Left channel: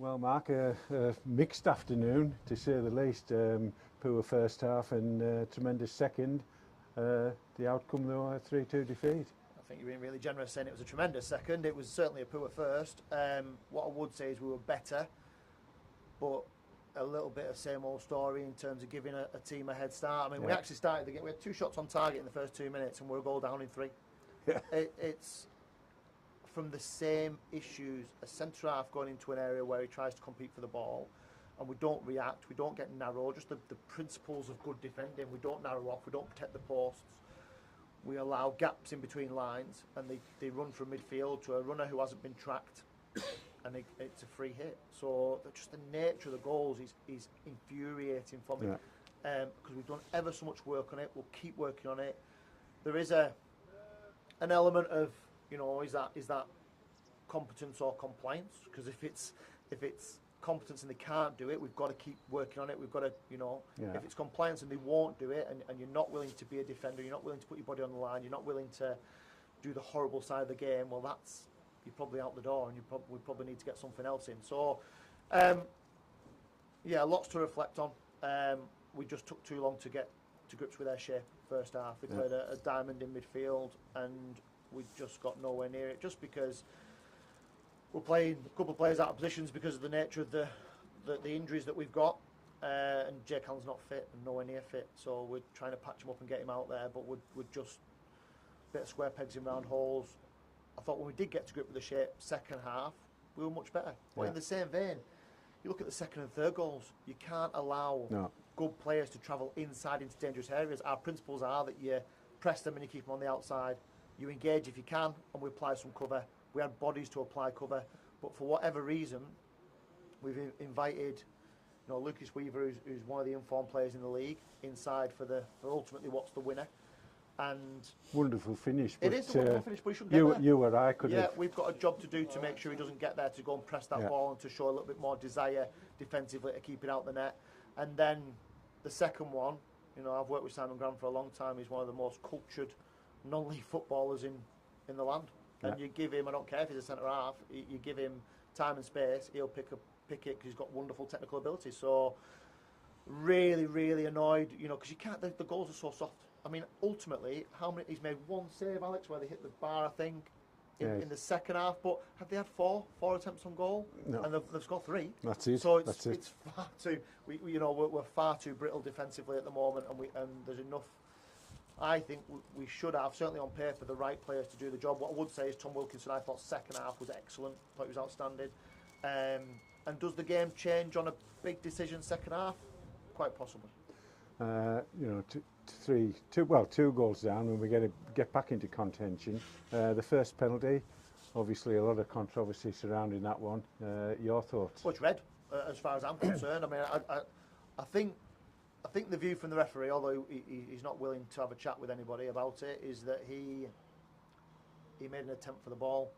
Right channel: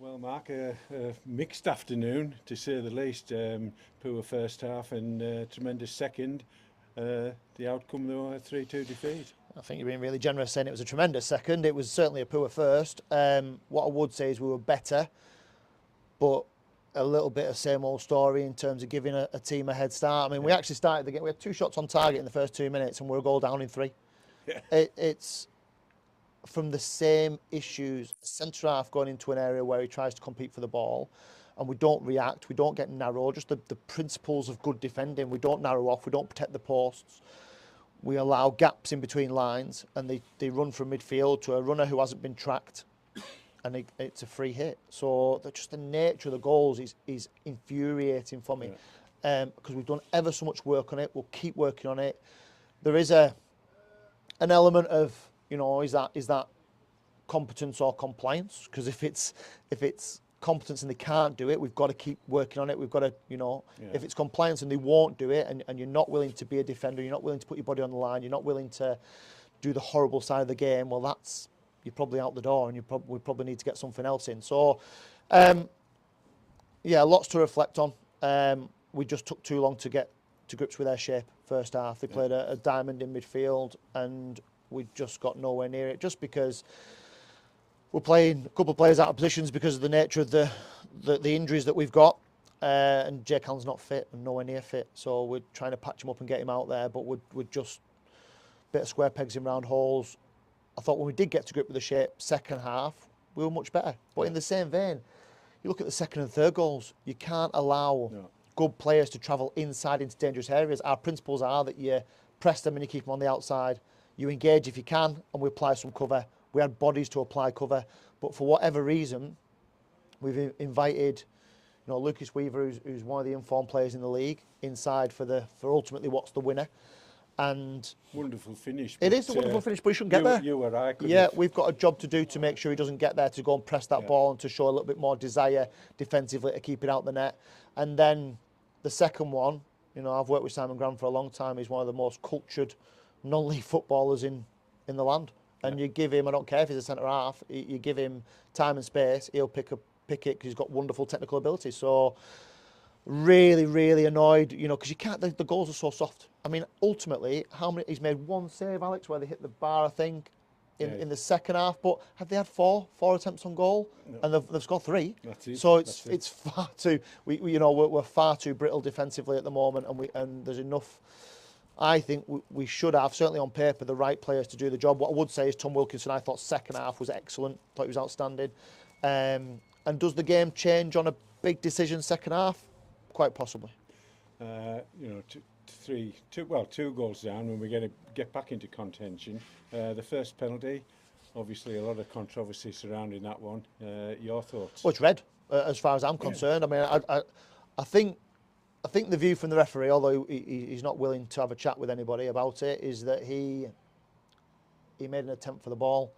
Well, Mark, a mixed afternoon to say the least. Poor first half and tremendous second. The outcome, though, a 3-2 defeat. I think you're being really generous saying it was a tremendous second. It was certainly a poor first. What I would say is we were better, but a little bit of same old story in terms of giving a team a head start. I mean, we actually started the game. We had 2 shots on target in the first 2 minutes, and we're a goal down in 3. Yeah. It's from the same issues. A centre half going into an area where he tries to compete for the ball, and we don't react. We don't get narrow. Just the principles of good defending. We don't narrow off. We don't protect the posts. We allow gaps in between lines, and they run from midfield to a runner who hasn't been tracked, and it's a free hit. So just the nature of the goals is infuriating for me, because we've done ever so much work on it. We'll keep working on it. There is an element of, is that competence or compliance? Because if it's competence and they can't do it, we've got to keep working on it. We've got to, if it's compliance and they won't do it, and you're not willing to be a defender, you're not willing to put your body on the line, you're not willing to do the horrible side of the game, well, you're probably out the door, and we probably need to get something else in. So, lots to reflect on. We just took too long to get to grips with their shape first half. They played a diamond in midfield, and we just got nowhere near it, just because we're playing a couple of players out of positions because of the nature of the injuries that we've got, and Jake Allen's not fit and nowhere near fit, so we're trying to patch him up and get him out there, but we're just a bit of square pegs in round holes. I thought when we did get to grip with the shape second half, we were much better. But in the same vein, you look at the second and third goals, you can't allow good players to travel inside into dangerous areas. Our principles are that you press them and you keep them on the outside, you engage if you can, and we apply some cover. We had bodies to apply cover, but for whatever reason, we've invited, Lucas Weaver, who's one of the informed players in the league, inside for ultimately what's the winner. And wonderful finish. It is a wonderful finish, but he shouldn't get there. You or I could. Yeah, we've got a job to do to make sure he doesn't get there, to go and press that ball and to show a little bit more desire defensively to keep it out the net. And then the second one, I've worked with Simon Grant for a long time. He's one of the most cultured non-league footballers in the land. And you give him, I don't care if he's a centre half, you give him time and space, he'll pick it because he's got wonderful technical ability. So really, really annoyed, because you can't. The goals are so soft. I mean, ultimately, he's made one save, Alex, where they hit the bar, I think, in the second half. But have they had four attempts on goal? No. And they've scored 3. That's it. So it's far too. We're far too brittle defensively at the moment, and there's enough. I think we should have, certainly on paper, the right players to do the job. What I would say is Tom Wilkinson, I thought second half was excellent. Thought he was outstanding. And does the game change on a big decision second half? Quite possibly. 2 goals down when we get back into contention. The first penalty, obviously a lot of controversy surrounding that one. Your thoughts? Well, it's red, as far as I'm concerned. I mean, I think the view from the referee, although he's not willing to have a chat with anybody about it, is that he made an attempt for the ball.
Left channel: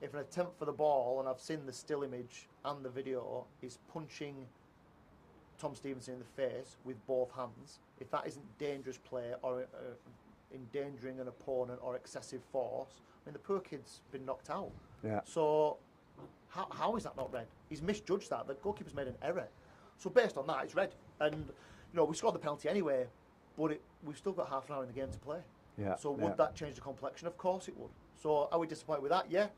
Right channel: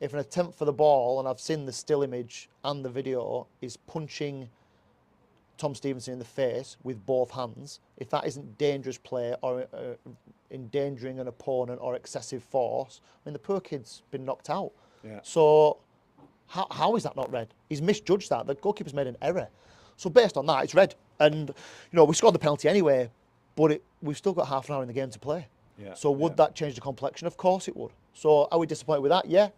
If an attempt for the ball, and I've seen the still image and the video, is punching Tom Stevenson in the face with both hands, if that isn't dangerous play or endangering an opponent or excessive force, I mean, the poor kid's been knocked out. Yeah. So how is that not red? He's misjudged that. The goalkeeper's made an error. So based on that, it's red. And, we scored the penalty anyway, but we've still got half an hour in the game to play. Yeah. So would that change the complexion? Of course it would. So are we disappointed with that? Yeah.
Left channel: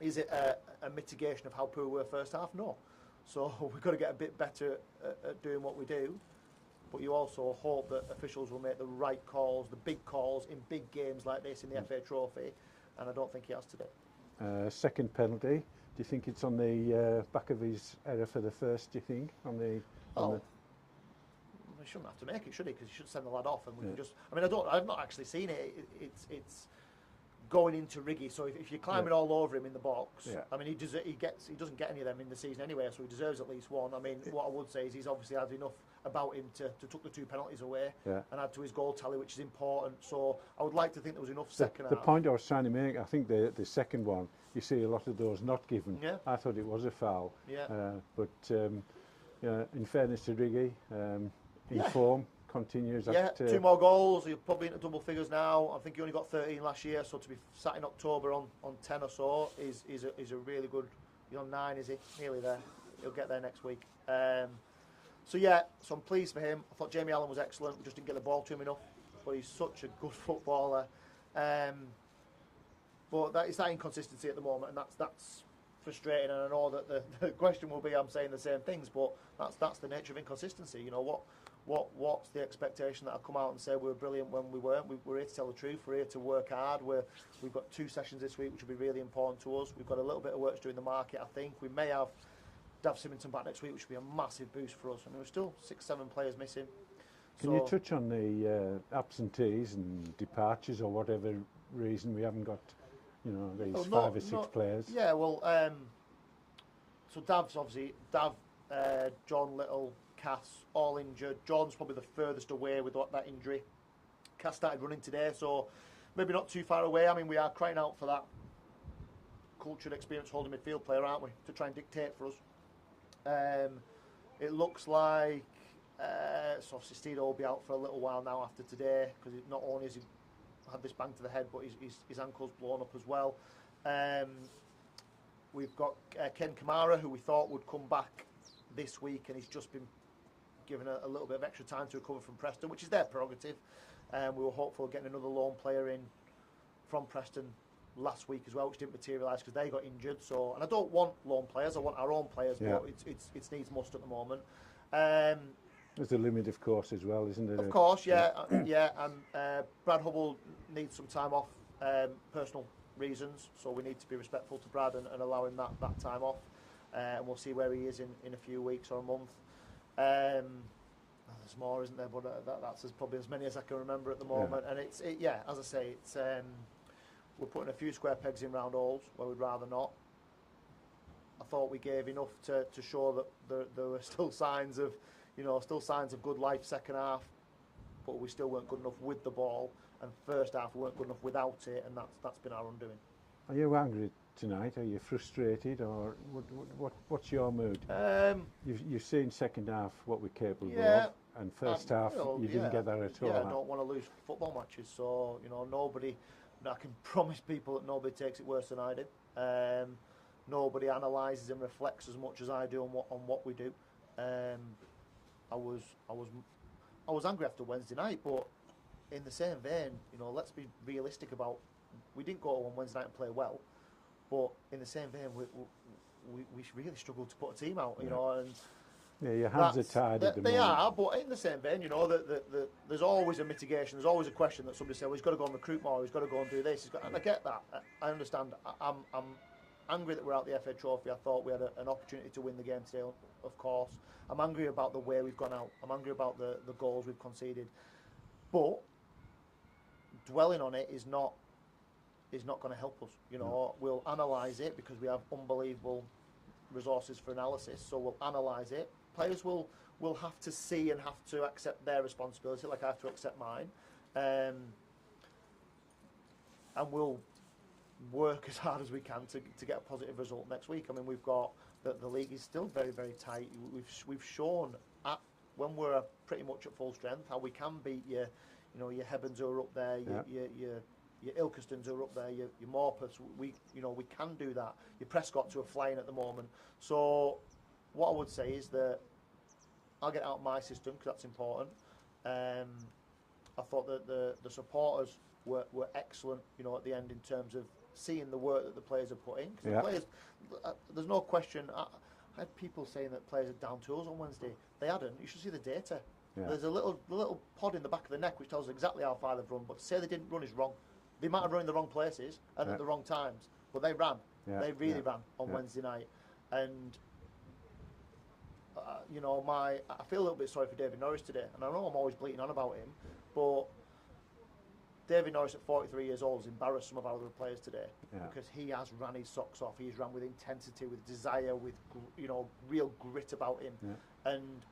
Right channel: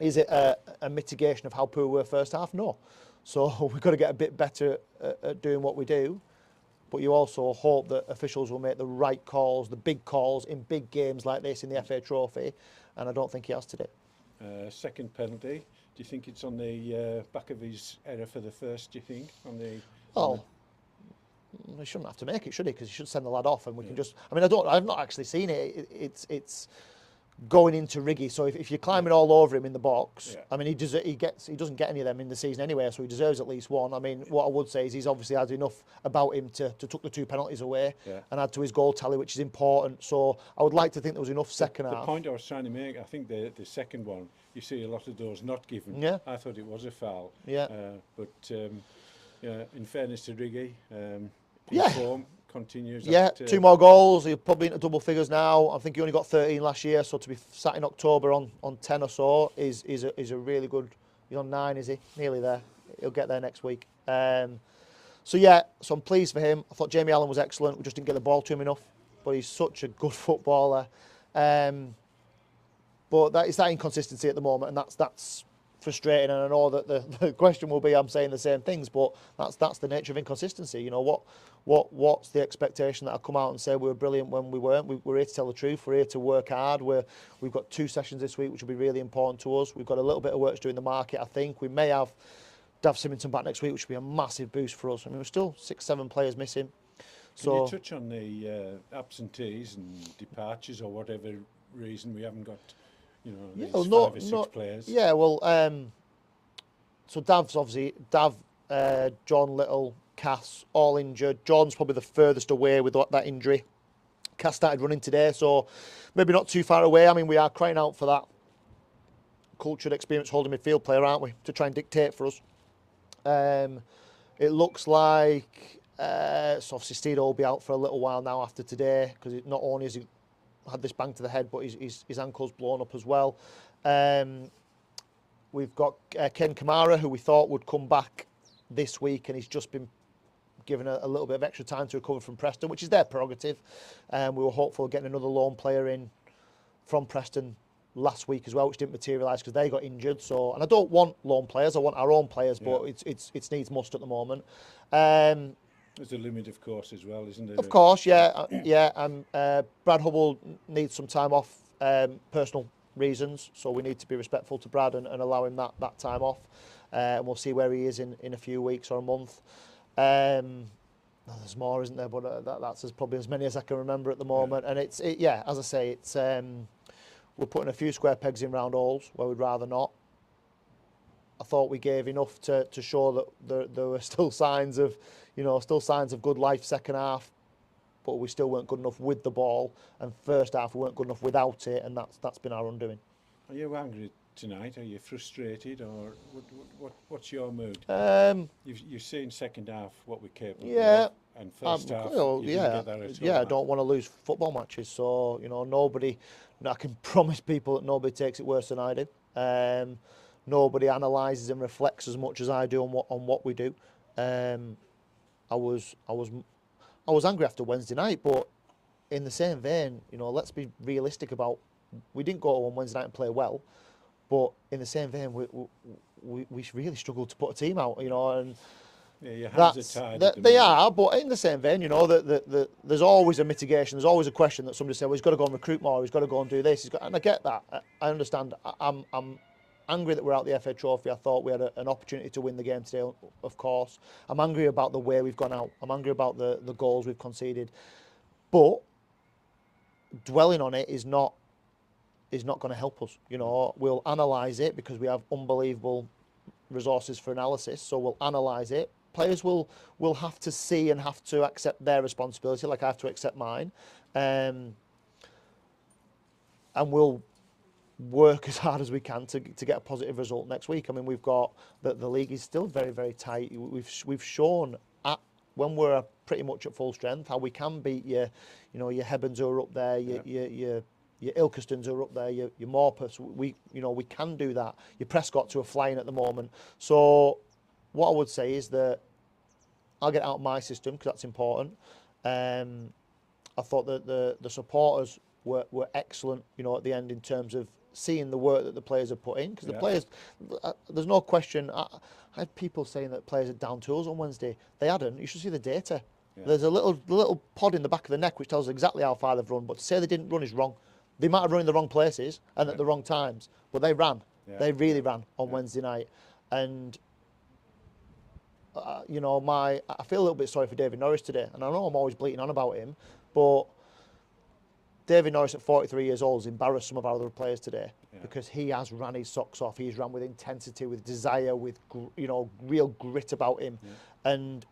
Is it a mitigation of how poor we were first half? No. So we've got to get a bit better at doing what we do. But you also hope that officials will make the right calls, the big calls in big games like this in the FA Trophy. And I don't think he has today. Second penalty. Do you think it's on the back of his error for the first, do you think? He shouldn't have to make it, should he? Because he should send the lad off and we can just... I mean, I've not actually seen it. It's going into Riggy. So if you're climbing all over him in the box, I mean, he doesn't get any of them in the season anyway, so he deserves at least one. I mean, what I would say is he's obviously had enough about him to took the 2 penalties away and add to his goal tally, which is important. So I would like to think there was enough second half. The point I was trying to make, I think the second one, you see a lot of those not given. Yeah. I thought it was a foul. Yeah. In fairness to Riggy, form continues. Yeah, 2 more goals. He's probably into double figures now. I think he only got 13 last year, so to be sat in October on 10 or so is a really good He's on 9, is he? Nearly there. He'll get there next week. So yeah, so I'm pleased for him. I thought Jamie Allen was excellent. We just didn't get the ball to him enough. But he's such a good footballer. But it's that inconsistency at the moment, and that's frustrating. And I know that the question will be, I'm saying the same things, but that's the nature of inconsistency. You know, what's the expectation that I come out and say we were brilliant when we weren't? We're here to tell the truth. We're here to work hard. We've got 2 sessions this week, which will be really important to us. We've got a little bit of work to do in the market, I think. We may have Dav Symington back next week, which will be a massive boost for us. I mean, we're still 6-7 players missing. Can you touch on the absentees and departures, or whatever reason we haven't got, you know, these 5 or 6 players? Yeah, well, so Dav's obviously, John Little, Cass, all injured. John's probably the furthest away with that injury. Cass started running today, so maybe not too far away. I mean, we are crying out for that cultured, experienced holding midfield player, aren't we, to try and dictate for us. It looks like so obviously Steed will be out for a little while now after today, because not only has he had this bang to the head, but his ankle's blown up as well. We've got Ken Kamara, who we thought would come back this week, and he's just been given a little bit of extra time to recover from Preston, which is their prerogative. We were hopeful of getting another loan player in from Preston last week as well, which didn't materialise because they got injured. So, and I don't want loan players; I want our own players, but it's needs must at the moment. There's a limit, of course, as well, isn't there? Of course, yeah, yeah. And Brad Hubble needs some time off, personal reasons, so we need to be respectful to Brad and allow him that time off. And we'll see where he is in a few weeks or a month. There's more, isn't there? But that's probably as many as I can remember at the moment. Yeah. And as I say, it's we're putting a few square pegs in round holes where we'd rather not. I thought we gave enough to show that there were still signs of good life second half, but we still weren't good enough with the ball. And first half we weren't good enough without it, and that's been our undoing. Are you angry tonight? Are you frustrated, or what's your mood? You've seen second half what we're capable of, and first half you didn't get that at all. Yeah, I don't want to lose football matches, so I can promise people that nobody takes it worse than I do. Nobody analyses and reflects as much as I do on what we do. I was angry after Wednesday night, but in the same vein, let's be realistic about. We didn't go on Wednesday night and play well, but in the same vein, we really struggled to put a team out, and yeah, your hands are tied. They are, but in the same vein, that there's always a mitigation. There's always a question that somebody said, well, he's got to go and recruit more. He's got to go and do this. And I get that. I understand. I'm angry that we're out the FA Trophy. I thought we had an opportunity to win the game today, of course. I'm angry about the way we've gone out. I'm angry about the goals we've conceded. But dwelling on it is not going to help us. We'll analyse it because we have unbelievable resources for analysis. So we'll analyse it. Players will have to see and have to accept their responsibility, like I have to accept mine. And we'll work as hard as we can to get a positive result next week. I mean, we've got the league is still very, very tight. We've shown when we're pretty much at full strength how we can beat your Hebens who are up there, your Ilkestons who are up there, your Morpeths. We can do that. Your Prescotts who are flying at the moment. So what I would say is that I'll get out of my system because that's important. I thought that the supporters were excellent, at the end in terms of seeing the work that the players have put in. Because the players, there's no question. I had people saying that players are down tools on Wednesday. They hadn't. You should see the data. Yeah. There's a little pod in the back of the neck which tells us exactly how far they've run. But to say they didn't run is wrong. They might have run in the wrong places and at the wrong times, but they ran. Yeah. They really ran on Wednesday night. And I feel a little bit sorry for David Norris today. And I know I'm always bleating on about him, but David Norris at 43 years old has embarrassed some of our other players today because he has ran his socks off. He's ran with intensity, with desire, with real grit about him. Yeah. And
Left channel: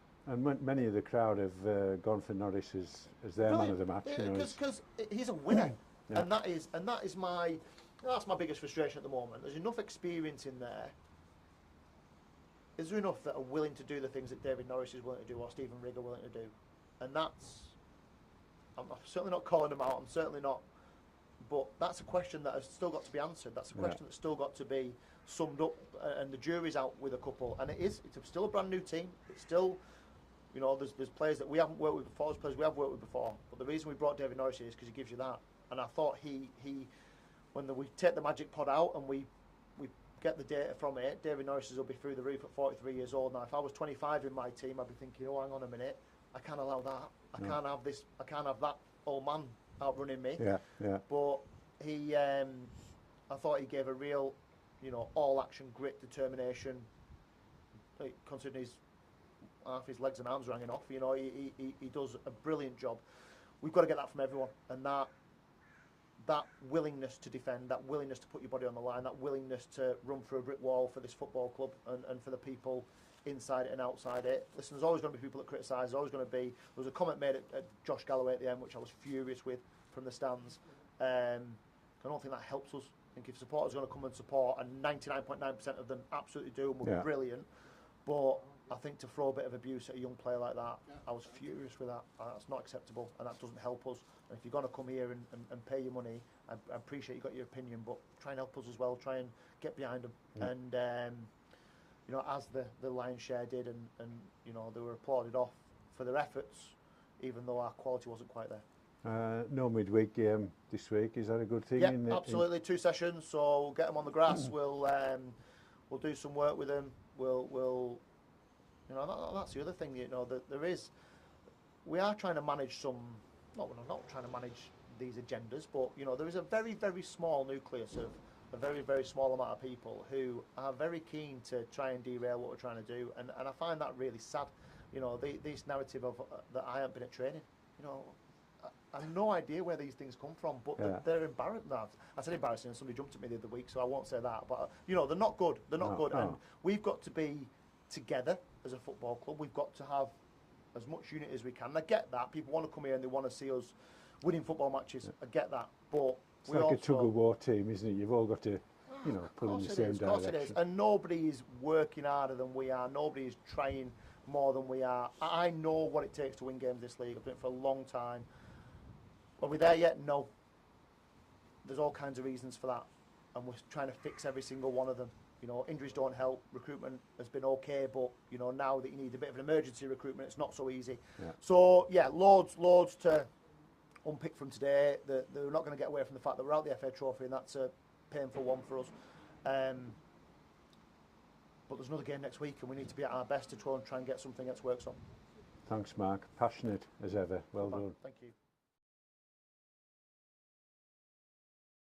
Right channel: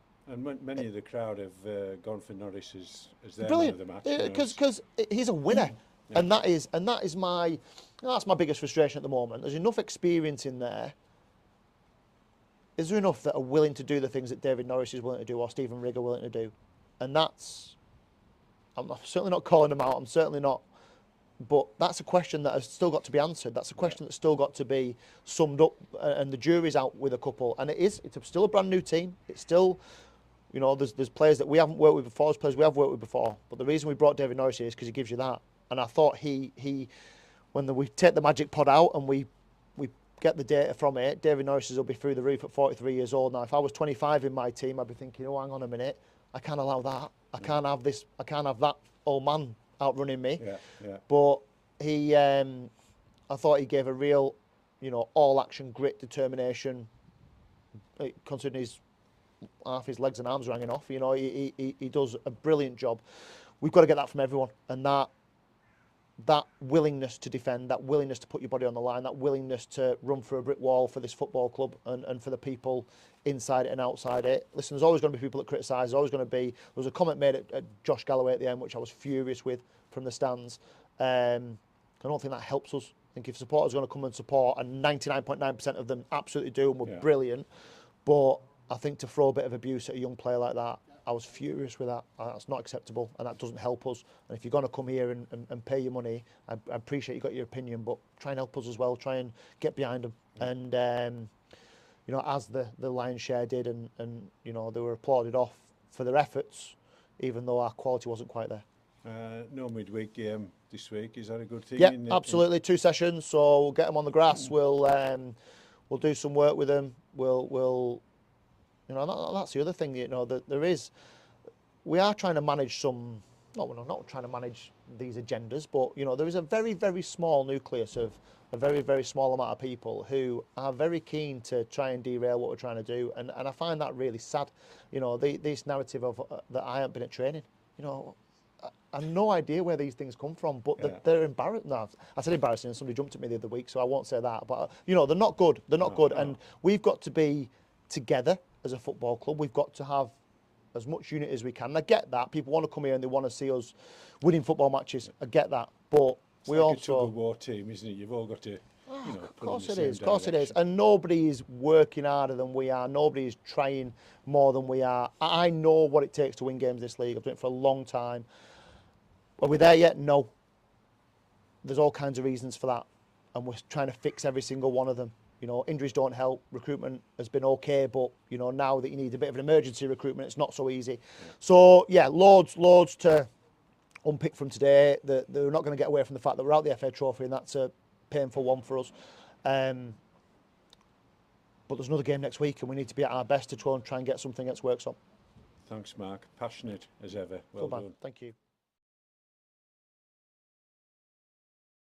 many of the crowd have gone for Norris as their man of the match. Because he's a winner. Yeah. And that is my biggest frustration at the moment. There's enough experience in there. Is there enough that are willing to do the things that David Norris is willing to do or Stephen Rigg are willing to do? And I'm certainly not calling them out. I'm certainly not But that's a question that has still got to be answered. That's a question that's still got to be summed up, and the jury's out with a couple. And it's still a brand new team. It's still, you know, there's players that we haven't worked with before, there's players we have worked with before. But the reason we brought David Norris here is because he gives you that. And I thought when we take the magic pod out and we get the data from it, David Norris will be through the roof at 43 years old. Now, if I was 25 in my team, I'd be thinking, oh, hang on a minute, I can't allow that. I can't have this. I can't have that old man outrunning me. But he, I thought he gave a real, you know, all action, grit, determination. Considering half his legs and arms are hanging off, you know, he does a brilliant job. We've got to get that from everyone, and that willingness to defend, that willingness to put your body on the line, that willingness to run through a brick wall for this football club and for the people inside it and outside it. Listen, there's always going to be people that criticise. There's always going to be. There was a comment made at Josh Galloway at the end, which I was furious with from the stands. I don't think that helps us. I think if supporters are going to come and support, and 99.9% of them absolutely do, and were brilliant, but I think to throw a bit of abuse at a young player like that, I was furious with that. That's not acceptable, and that doesn't help us. And if you're going to come here and pay your money, I appreciate you got your opinion, but try and help us as well. Try and get behind them. And, you know, as the Lion's Share did, and, you know, they were applauded off for their efforts, even though our quality wasn't quite there. No midweek game this week. Is that a good thing? Yeah, absolutely. 2 sessions, so we'll get them on the grass. We'll do some work with them. We'll you know, that's the other thing, you know, that we are trying to manage some, we're not trying to manage these agendas, but, you know, there is a very, very small nucleus of a very, very small amount of people who are very keen to try and derail what we're trying to do. And I find that really sad, you know, this narrative of that I haven't been at training, you know, I have no idea where these things come from, but they're embarrassing. No, I said embarrassing, and somebody jumped at me the other week, so I won't say that. But, you know, they're not good. They're not good. No. And we've got to be together as a football club. We've got to have as much unity as we can. And I get that. People want to come here and they want to see us winning football matches. I get that. But it's we like also... a tug-of-war team, isn't it? You've all got to, you know, pull in the same direction. Of course it is. And nobody is working harder than we are. Nobody is trying more than we are. I know what it takes to win games in this league. I've done it for a long time. Are we there yet? No. There's all kinds of reasons for that. And we're trying to fix every single one of them. You know, injuries don't help. Recruitment has been okay, but, you know, now that you need a bit of an emergency recruitment, it's not so easy. Yeah. So, yeah, loads to unpick from today. They're not going to get away from the fact that we're out the FA Trophy, and that's a painful one for us. But there's another game next week, and we need to be at our best to try and get something else works on. Thanks, Mark. Passionate as ever. Well done. Thank you.